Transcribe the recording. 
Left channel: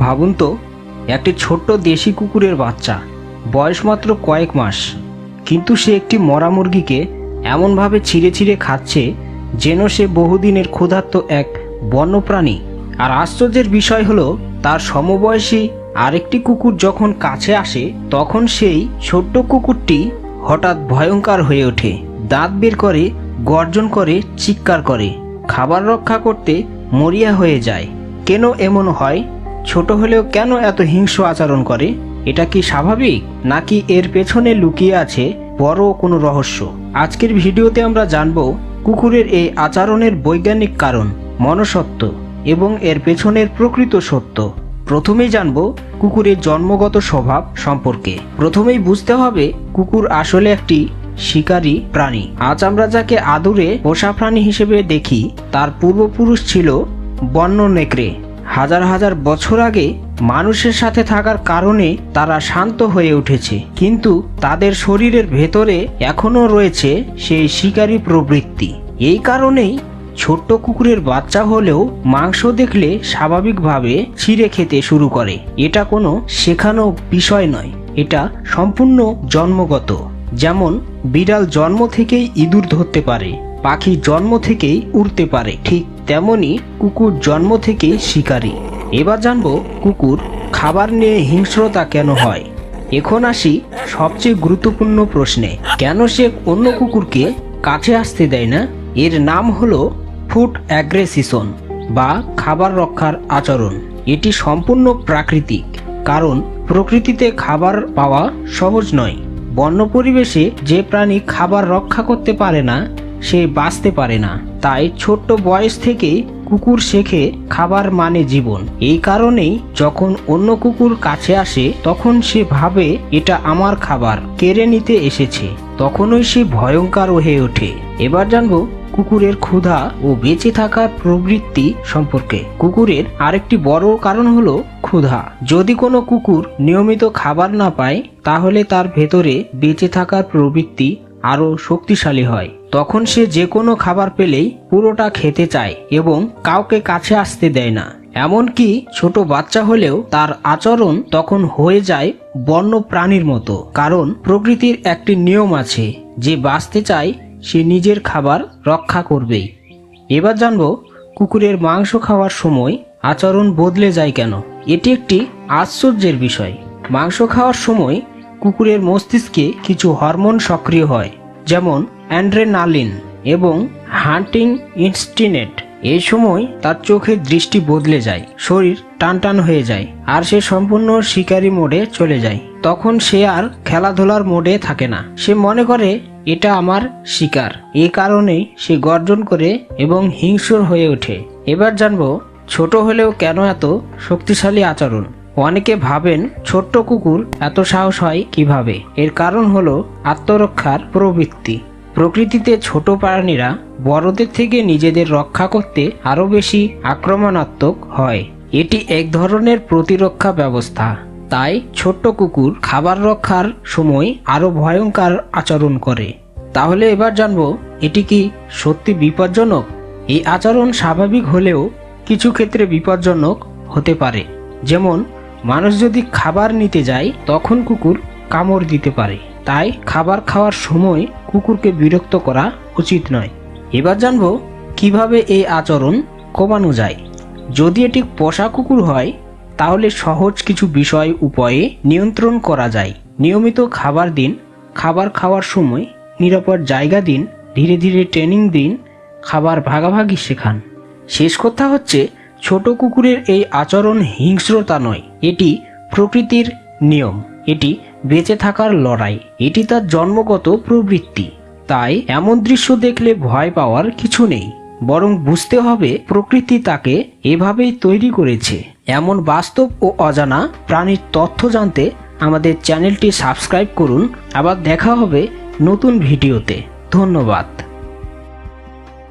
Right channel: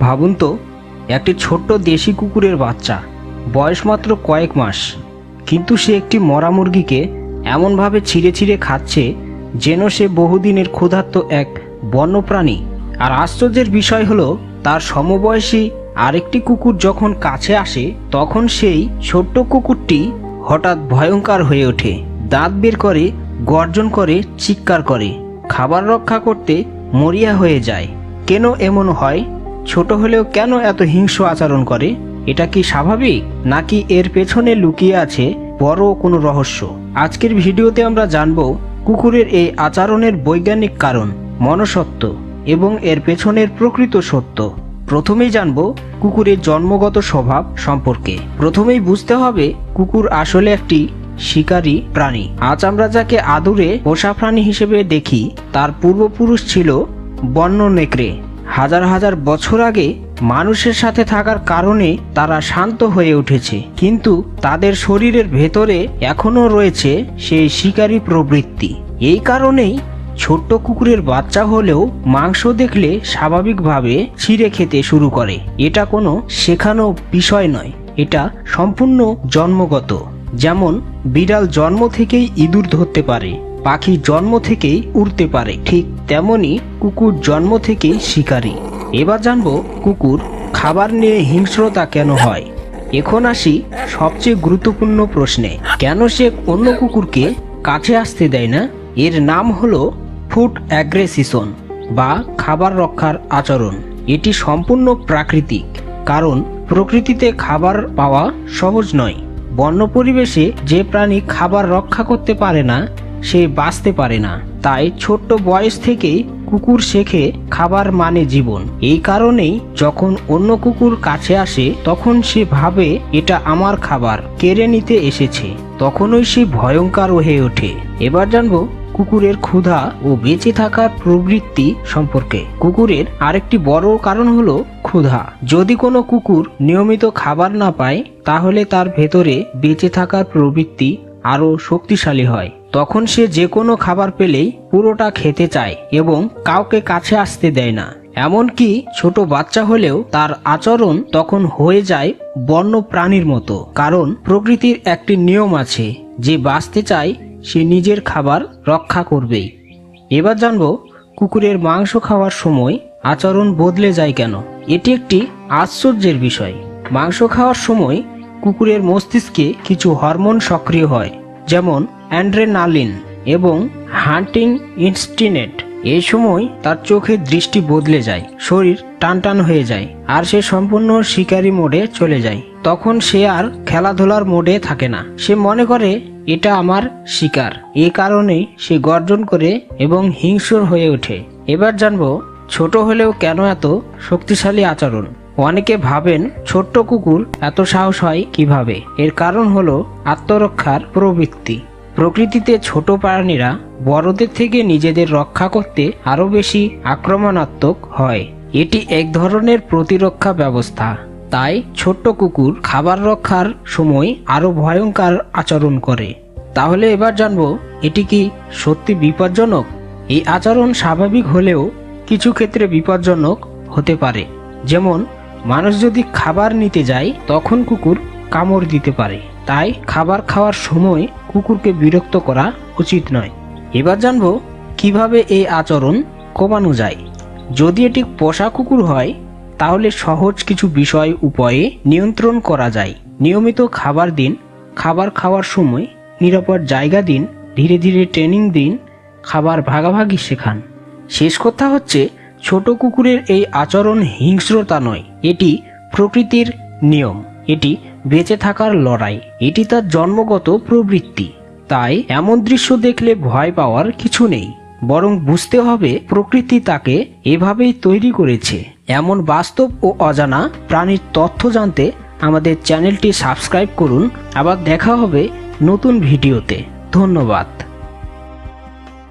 ভাবুন তো, একটি ছোট্ট দেশি কুকুরের বাচ্চা, বয়স মাত্র কয়েক মাস, কিন্তু সে একটি মরা মুরগিকে এমনভাবে ছিঁড়ে ছিঁড়ে খাচ্ছে যেন সে বহুদিনের ক্ষুধার্ত এক বন্যপ্রাণী। আর আশ্চর্যের বিষয় হলো, তার সমবয়সী আরেকটি কুকুর যখন কাছে আসে তখন সেই ছোট্ট কুকুরটি হঠাৎ ভয়ঙ্কর হয়ে ওঠে, দাঁত বের করে, গর্জন করে, চিৎকার করে, খাবার রক্ষা করতে মরিয়া হয়ে যায়। কেন এমন হয়? ছোট হলেও কেন এত হিংস্র আচরণ করে? এটা কি স্বাভাবিক, নাকি এর পেছনে লুকিয়ে আছে বড় কোনো রহস্য? আজকের ভিডিওতে আমরা জানবো কুকুরের এই আচরণের বৈজ্ঞানিক কারণ, মনস্তত্ত্ব এবং এর পেছনের প্রকৃত সত্য। প্রথমেই জানবো কুকুরের জন্মগত স্বভাব সম্পর্কে। প্রথমেই বুঝতে হবে কুকুর আসলে একটি শিকারী প্রাণী। আজ আমরা যাকে আদরে পোষা প্রাণী হিসেবে দেখি তার পূর্বপুরুষ ছিল বন্য নেকড়ে। হাজার হাজার বছর আগে মানুষের সাথে থাকার কারণে তারা শান্ত হয়ে উঠেছে, কিন্তু তাদের শরীরের ভেতরে এখনো রয়েছে সেই শিকারী প্রবৃত্তি। এই কারণেই ছোট্ট কুকুরের বাচ্চা হলেও মাংস দেখলে স্বাভাবিকভাবে ছিঁড়ে খেতে শুরু করে। এটা কোনো শেখানো বিষয় নয়, এটা সম্পূর্ণ জন্মগত। যেমন বিড়াল জন্ম থেকেই ইঁদুর ধরতে পারে, পাখি জন্ম থেকেই উড়তে পারে, ঠিক তেমনি কুকুর জন্ম থেকেই শিকারী। এবার জানবো কুকুর খাবার নিয়ে হিংস্রতা কেন হয়। এখন আসি সবচেয়ে গুরুত্বপূর্ণ প্রশ্নে, কেন সে অন্য কুকুরকে কাছে আসতে দেয় না? এর নাম হলো ফুড অ্যাগ্রেসিশন বা খাবার রক্ষার আচরণ। এটি সম্পূর্ণ প্রাকৃতিক, কারণ প্রকৃতিতে খাবার পাওয়া সহজ নয়। বন্য পরিবেশে যে প্রাণী খাবার রক্ষা করতে পারে না সে বাঁচতে পারে না। তাই ছোট্ট বয়স থেকেই কুকুর শেখে খাবার মানে জীবন। এই কারণেই যখন অন্য কুকুর কাছে আসে তখন সে ভাবে এটা আমার খাবার কেড়ে নিতে এসেছে, তখনই সে ভয়ঙ্কর হয়ে ওঠে। এবার জানবো কুকুরের ক্ষুধা ও বেঁচে থাকার প্রবৃত্তি সম্পর্কে। কুকুরের আরেকটি বড় কারণ হলো ক্ষুধা। যদি কোনো কুকুর নিয়মিত খাবার না পায় তাহলে তার ভেতরে বেঁচে থাকার প্রবৃত্তি আরো শক্তিশালী হয়। তখন সে যে কোনো খাবার পেলেই পুরোটা খেতে চায় এবং কাউকে কাছে আসতে দেয় না। এমনকি ছোট বাচ্চা হলেও তার আচরণ তখন হয়ে যায় বন্য প্রাণীর মতো, কারণ প্রকৃতির একটি নিয়ম আছে, যে বাঁচতে চায় সে নিজের খাবার রক্ষা করবেই। এবার জানবো কুকুরের মাংস খাওয়ার সময় আচরণ বদলে যায় কেন। এটি একটি আশ্চর্যের বিষয়। মাংস খাওয়ার সময় কুকুরের মস্তিষ্কে কিছু হরমোন সক্রিয় হয়, যেমন অ্যাড্রেনালিন এবং হান্টিং ইনস্টিনেট। এই সময় তার চোখের দৃষ্টি বদলে যায়, শরীর টানটান হয়ে যায়, আর সে সম্পূর্ণ শিকারী মোডে চলে যায়। তখন সে আর খেলাধুলার মোডে থাকে না, সে মনে করে এটা আমার শিকার। এই কারণেই সে গর্জন করে এবং হিংস্র হয়ে ওঠে। এবার জানবো ছোট হলেও কেন এত শক্তিশালী আচরণ। অনেকে ভাবেন ছোট্ট কুকুর এত সাহস হয় কিভাবে। এর কারণ হলো আত্মরক্ষার প্রবৃত্তি। প্রকৃতিতে ছোট প্রাণীরা বড়দের থেকে নিজেদের রক্ষা করতে আরো বেশি আক্রমণাত্মক হয়। এটি এক ধরনের প্রতিরক্ষা ব্যবস্থা। তাই ছোট্ট কুকুর খাবার রক্ষার সময় আরো ভয়ঙ্কর আচরণ করে। তাহলে এবার জানবো এটি কি সত্যি বিপজ্জনক? এই আচরণ স্বাভাবিক হলেও কিছু ক্ষেত্রে বিপজ্জনক হতে পারে। যেমন মানুষ যদি খাবার নিতে যায় তখন কুকুর কামড় দিতে পারে। তাই খাবার খাওয়ার সময় কুকুরকে বিরক্ত করা উচিত নয়। এবার জানবো কিভাবে এই আচরণ কমানো যায়। যদি এটি পোষা কুকুর হয় তাহলে সহজ কিছু বিষয় উপায়ে নিয়ন্ত্রণ করা যায়। নিয়মিত খাবার দিন, খাবার খাওয়ার সময় নিরাপদ জায়গা দিন, ধীরে ধীরে ট্রেনিং দিন, খাবার ভাগাভাগি শেখান। শেষ কথা হচ্ছে, ছোট কুকুরের এই আচরণ হিংস্রতা নয়, এটি প্রকৃতির নিয়ম, এটি বেঁচে থাকার লড়াই, এটি তার জন্মগত প্রবৃত্তি। তাই এমন দৃশ্য দেখলে ভয় পাওয়ার কিছু নেই, বরং বুঝতে হবে প্রকৃতি তাকে এভাবেই তৈরি করেছে। এমন বাস্তব ও অজানা প্রাণীর তথ্য জানতে আমাদের চ্যানেলটি সাবস্ক্রাইব করুন। আবার দেখা হবে নতুন ভিডিওতে। ধন্যবাদ।